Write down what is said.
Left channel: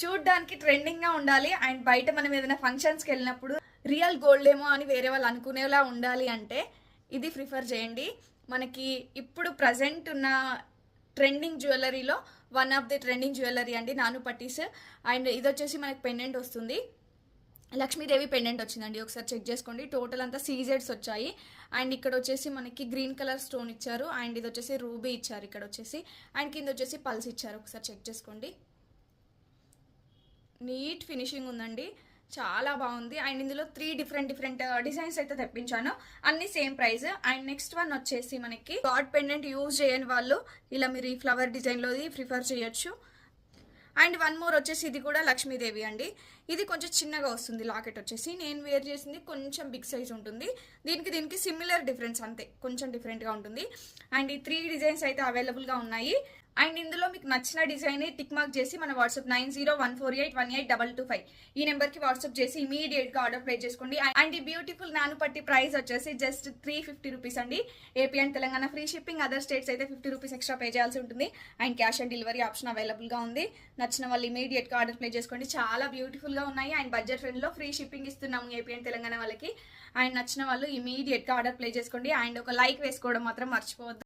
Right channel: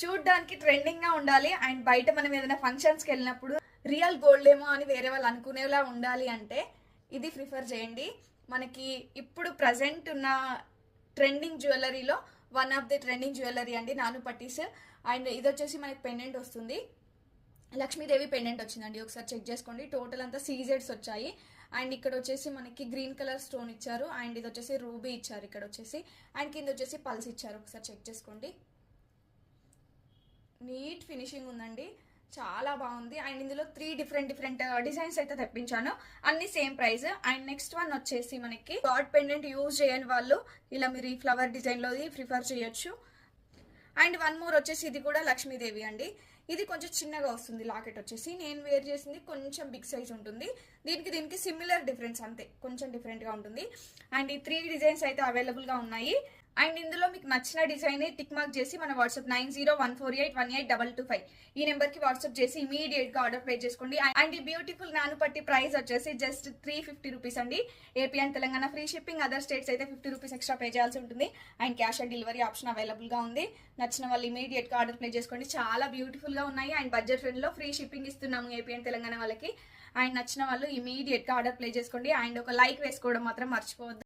చూడ్డానికి ట్రెండింగ్ గా ఉండాలి అండ్ బయట మనం ఏదైనా ఫంక్షన్స్కి వెళ్ళినప్పుడు రియల్ గోల్డ్ ఏమో అని వేరే వాళ్ళు అనుకునేలా ఉండాలి అంటే ఇది ప్రిఫర్ చేయండి. మనకి ఇప్పుడు ప్రజెంట్ ఉన్న ట్రెండింగ్ జ్యువెలరీలో one of the trending jewellery అండి నాను పట్టీస్. అండ్ ఇది వచ్చేసి మనకి పెండెంట్ వస్తుంది, లక్ష్మీదేవి పెండెంట్ వచ్చిందండి. ఒకసారి చెక్ చేసుకోండి. టోటల్ అంతా సీజెడ్స్ వచ్చాయి. అండ్ ఇక్కడ వచ్చేసి మనకి గ్రీన్ కలర్ స్టోన్ ఇచ్చారు. అండ్ ఇది వచ్చేసి రూబీ ఇచ్చారు ఇక్కడ వచ్చేసి. అండ్ కింద వచ్చేసి పల్స్ ఇచ్చారు. ఒకసారి చెక్ చేసుకోండి. నీట్ ఫినిషింగ్ ఉందండి, చాలా బాగుంది. అండ్ ఇందులో 3 డిఫరెంట్ డిజైన్స్ అయితే తెప్పించాను, అన్ని same price. And next one వచ్చేసి మనకి గాడ్ పెండెంట్ యూజ్ చేయని వాళ్ళు ఇలా మీరు ఈ ఫ్లవర్ డిజైన్లోది ప్రిఫర్ చేయొచ్చు. అండ్ వన్ మోర్ వచ్చేసి ఇది కూడా లక్ష్మీదేవి అండి. ఇది కొంచెం చిన్నగా వస్తుంది లాకెట్ వచ్చేసి. నేను వేర్ చేసింది కొంచెం బిగ్ సైజ్ ఉంటుంది. దీనికి సిమిలర్ డిఫరెన్స్ అంతే, కొంచెం డిఫరెంట్గా ఉంటుంది. అండ్ ఈ 3 డిజైన్స్ అయితే అవైలబుల్గా ఉన్నాయి. అండ్ ఇందులో మీకు నచ్చిన డిజైన్ టిక్ మార్క్ చేసి మన వాట్సాప్ 9014818225 ఈ నెంబర్కి వాట్సాప్ చేసి ఇమీడియట్గా ఆర్డర్ ప్లేస్ చేసుకోండి. అండ్ ఈ బ్యూటిఫుల్ నాను పట్టి ప్రైస్ వచ్చేసి జస్ట్ 350 రూపీస్ అండి. AP and Telangana free shipping, other states అయితే 50 రూపీస్ ఎక్స్ట్రా పే చేయాల్సి ఉంటుంది. And cash on delivery option అవైలబుల్గా ఉంది. నచ్చిన వాళ్ళు ఇమీడియట్గా ఆర్డర్ ప్లేస్ చేసుకోండి. చాలా బ్యూటిఫుల్గా ఉన్నాయి అండ్ బడ్జెట్ ఫ్రెండ్లో ఫ్రీ షిప్పింగ్ ఇస్తున్నాము ఏపీ అండ్ తెలంగాణ వాళ్ళకి. అండ్ నచ్చిన వాళ్ళు ఇమీడియట్గా ఆర్డర్ ప్లేస్ చేసుకోండి. అండ్ ఒక లైక్ వేసుకోవడం మాత్రం మర్చిపోవద్దు.